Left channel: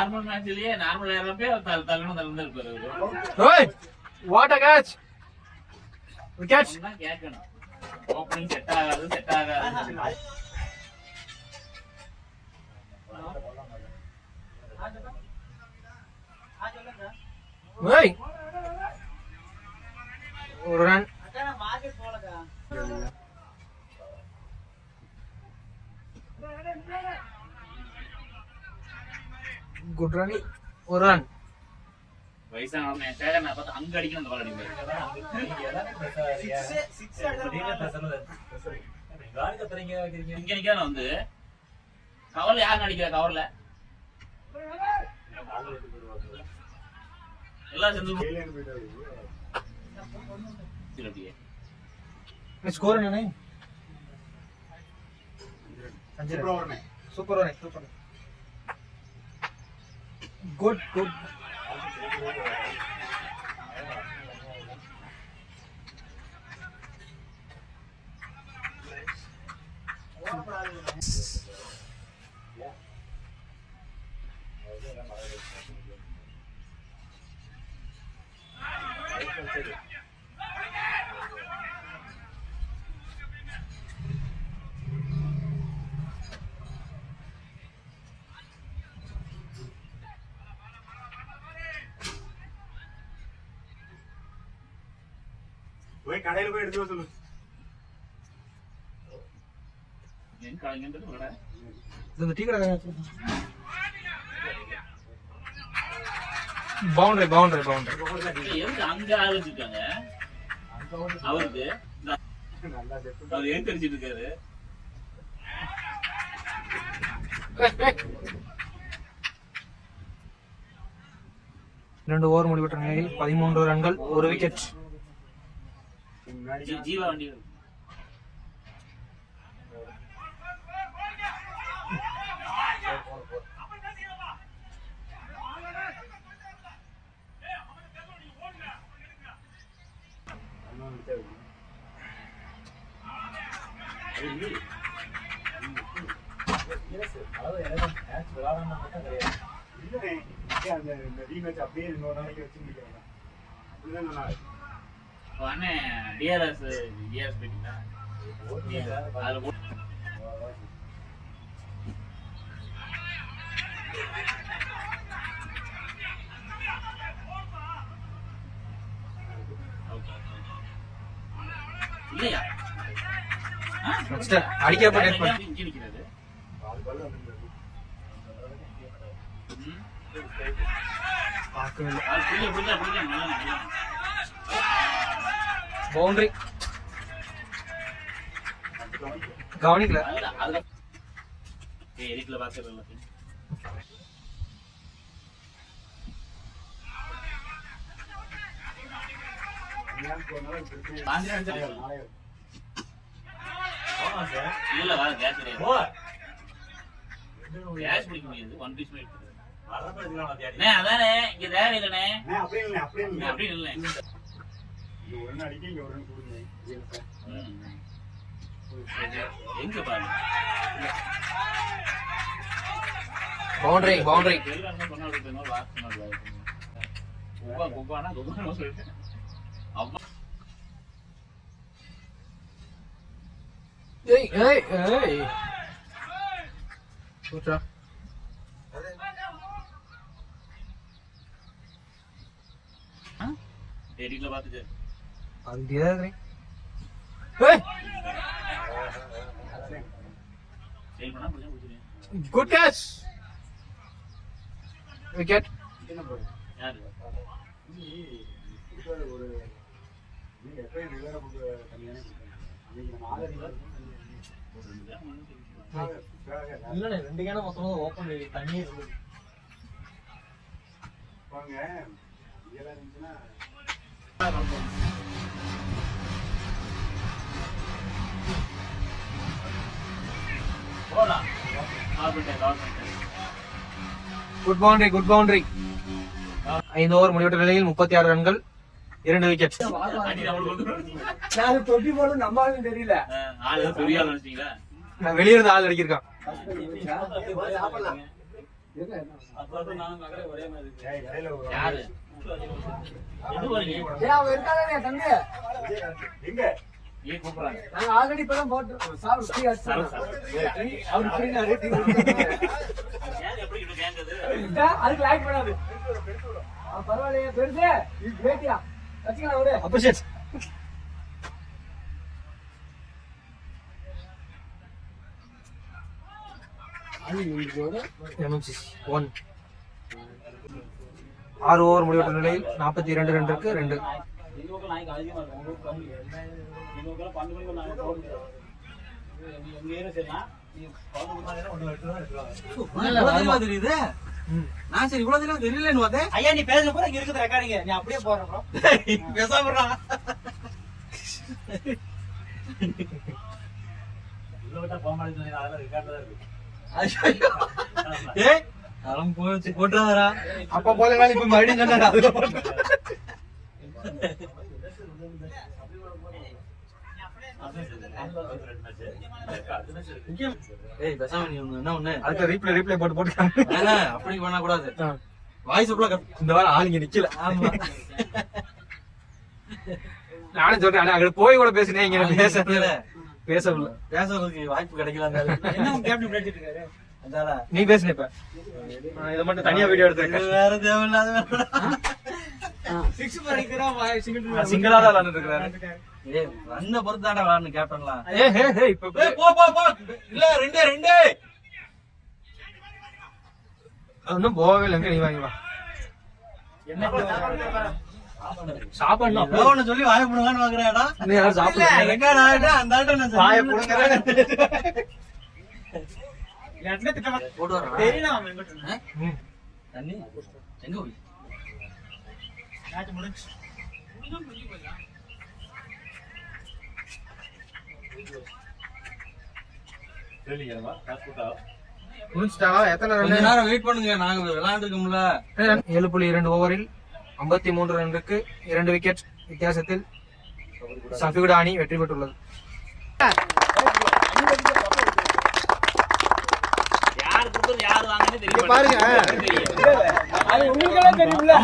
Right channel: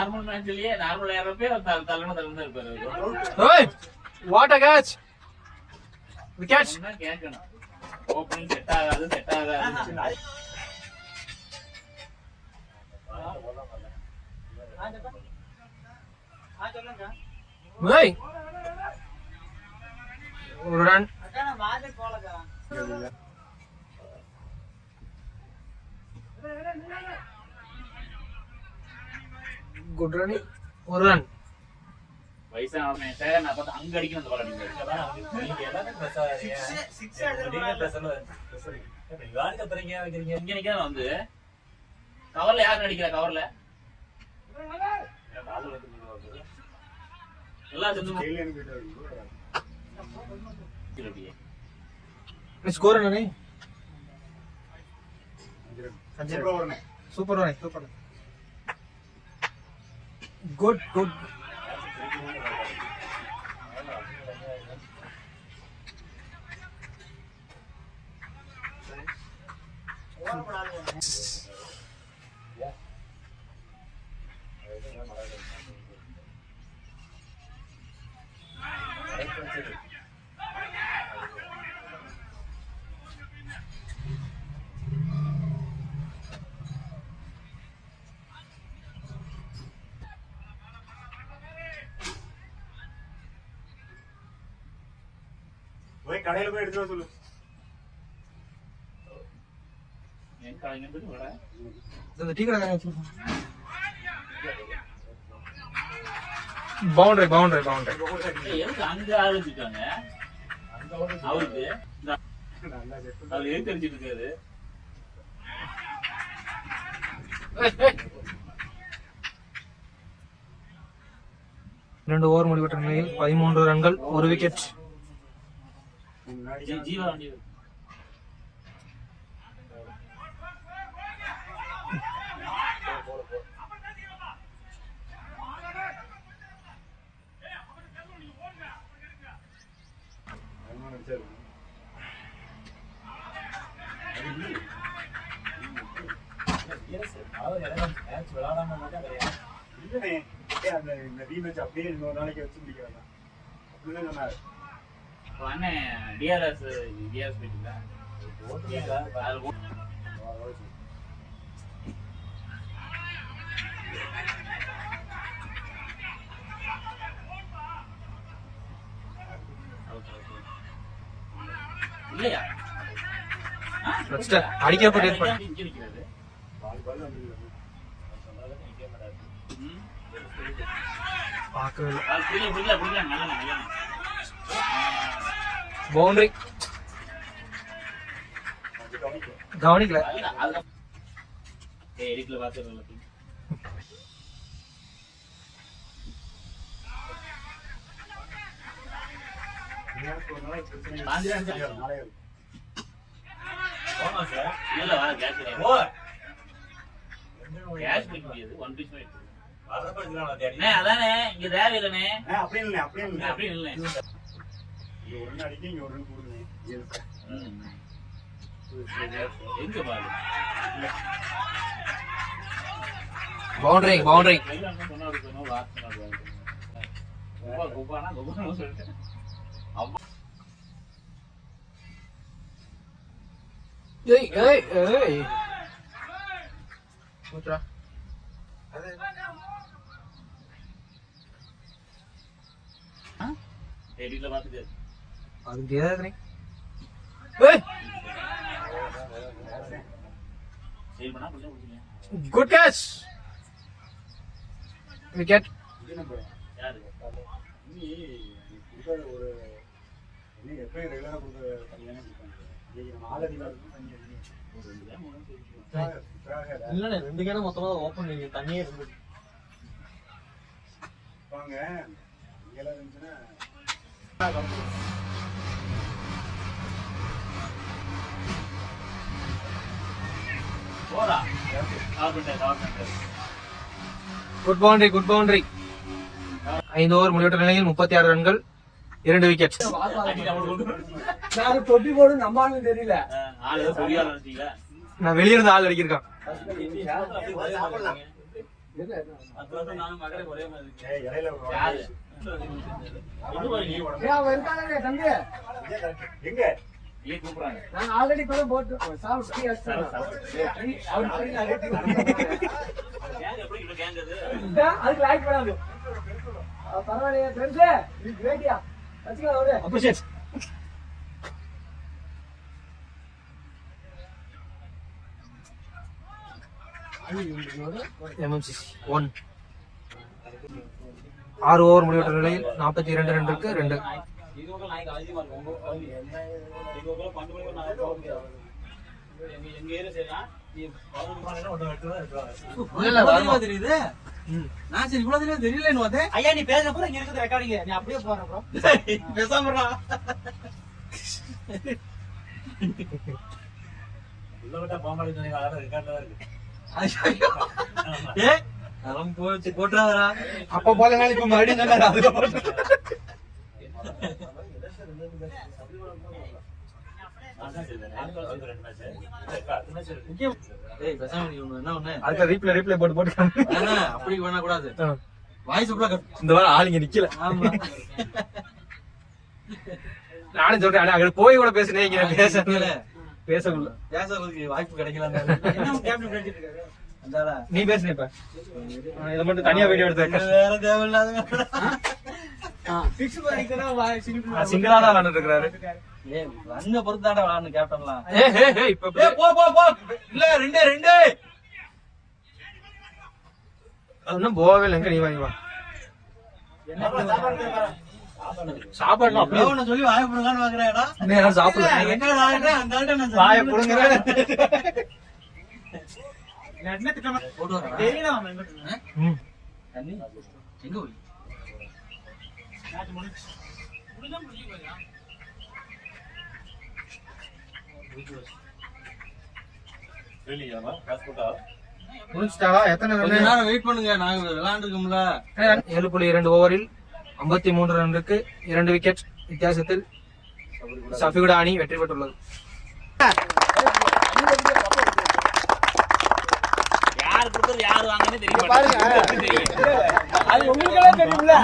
Normal மேட்ச்லயே normal ஏறப்பே தள்ளணும் இருப்பாரு. ஓய் வாட் அ கேட்ச். விக்கெட் கேட்கணும். ஓப்பனிங் செட் ஆகாது. ஓய் ஒரு ரன். Good run. ஒரு ரன். வயசான சேகர் நான் பார்த்தா அங்க அடிக்கணும் அந்த பால் அடிப்பாரு. இங்க நிக்காத வந்து கவர்ல யாரு அடிக்கிறா? கவர்ல எல்லாம் சேர்ந்து स्कोर है नहीं सुपर है सुपर गुड गुड கடையில போய் எடுத்து சொல்லு. பவுண்டரி பவுண்டரி பவுண்டரி அங்க ஆரம்பிச்சிருக்காங்க. அவருக்கு அவர் எழுத்தரிச்சிட்டு இருக்காரு. 2 ஓவர் முடிவுற்ற நிலையில் 13 ரன்கள் 1 விக்கெட். ஜீவா வண்டி அப்படியே இன்னொரு நாளைக்கு வச்சு முடிக்கிறாங்க. அப்படிதான் சொன்னாரு. டிஆர்எஸ் போயிட்டீங்களா? இல்லையா அடிக்கப்பட்ட பவுண்டரி கவனிக்கல. எடிட்ல பாக்குறேன். அதானே இங்க தேவையில்லைண்ணே. அப்படி இல்லை எங்க பாரு பவுண்டரி பவுண்டரி ஏய் ஏய் ஏய் கூச்சா எடிட்ல பாத்துக்க அது தேவரே ஏய் சேல் பண்ணா புடிச்சு புடிச்சு குட் கேட்ச் விக்கெட். யாரு நீ ஒரு நீ எப்ப ரெகுலரா கொடுக்க தனியானே இல்லண்ணே 2 கேன மொத்தமா ஓபன் தண்ணியே இருந்து வாங்க இதெல்லாம் இருந்துச்சுன்னா போடா. Good boundary good boundary. 5 over முடிவுற்ற நிலையில் 36 ரன்கள் 2 விக்கெட். நான் தொட்டி போடும் நம்பாலும் தெரியல. நான் வெளியிருந்து ஆள் அடிக்கிருக்கான். நானும் மகளே ஒரே மாதிரி இருக்கு. ஏய், இடையில ஒரு யாரு? இது பாருங்க. ஏன் அவன் இருக்கானே தம்பி? எங்க ஏன் கூப்பிடுறாங்க? நாங்க ஆல்ரெடி இப்பதான் போட்டு சாப்பிட்டு டீ அடிச்சோம். அவர் போயிட்டாரு, டீ குடிச்சாரு. ஏன் எப்படி இப்படி கேங்குது? இதான் அதுக்கு லைக் பண்ணாது. பரவாயில்லையே பெருசு வேட்டியா வச்சுக்கலாம் விடு. அப்ரிஷியேட். MMCC 1 6 ஓவர் முடிவற்ற நிலையில் 42 ரன்னுக்கு 2. இது ஒரு நாய்க்கு அதிகமா இருக்கும். உங்க கவுனி. இது ஒரு 12 மணிக்கு நாங்க கவுனி. எங்க ஏரியா செய்யலாம். நீ 11 மணிக்கு ஒண்ணு வெட்டுறதா இருக்கு. தெரியுது. நான் சரி இவ்வளவு தெரியும் தெரியலன்னு பார்த்தேன். ஐயா நீ பேச போற இங்க இருக்குது ரெக்கார்டிங் நீ அப்படியே போற ப்ரோ பேசாம இருடா. உள்ள விட்டா பாம்பாடி சொன்னீங்க அதெல்லாம் ரெக்கார்ட்ல தான் இருக்கு. டேய் அவன் போச்சு போட்றாதடா. அப்ப போலனால இப்ப மறுபடியும் சொன்னாரு அதுல போட்டு. ஏய் பேசாம நீ என்ன ஒண்ணு அடுத்த ரீப்ளே போட்டு போட்டு. அப்படி பண்ண கூடாது ஆ. வாய்ஸ் அப்ல இந்த வாரம் ஆளுங்க நிக்கல. ஆமா நானும் சொல்றேன் ஆனா அங்க போய் கூட பேசுனேன் இங்க பேசல. பேசுறதுக்கு வாய்ப்பு கிடைக்கல என்ன கேப்டன் பேசிட்டு இருக்காரு அதாடா நீ பேசுன இப்ப. இத மட்டும் தனியா வீடியோ எடுத்து வேற தேவையில்லாத சிக்ஸ் பண்ணிக்கிறா சிங்கிளா தான் விளையாண்டு இருக்காரு. ஏய் ரன்ன பொறுத்தாட விளையாடணும் கேப்டன்லாம் இப்ப ஏய் போ போ போ இல்ல ரெண்டே ரெண்டே இன்னும் போகவே இல்லைங்க. நீ வாங்கி வா. சாப்பாடு அப்படியே ஒண்ணு சொல்லி வாய புடுங்கன்னு வாங்குறேடா இன்னும் யாரும் சாப்பிடல. எங்கடா என்ன அந்தாண்ட நான் வாயை புடுங்குறேன். போட்டு வரேன் தெரியல அவன் எங்கிட்ட ம். தண்ணி எங்க போய் தெரியலையாமா? காசு கொடுத்தா? முடிச்சிட்டாவா? எத்தனை கொஞ்ச ரன்? நேரம் வெயிட் பண்ணுங்க நாங்க விளையாண்டுருக்கோம்ல 7.2 ஓவரில் 53 ரன்னுக்கு 2 விக்கெட் வித்தியாசத்தில் சஃபிகுடா அணி வெற்றி பெற்றுள்ளது. யார் கொடுத்தது யார் வாங்குறது தெரியும். அது உங்களுக்கெல்லாம் தெரியும்ல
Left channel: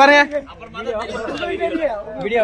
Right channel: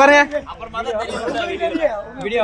பாருங்க அப்புறமா தான் தெரியும். தெரியும் வீடியோ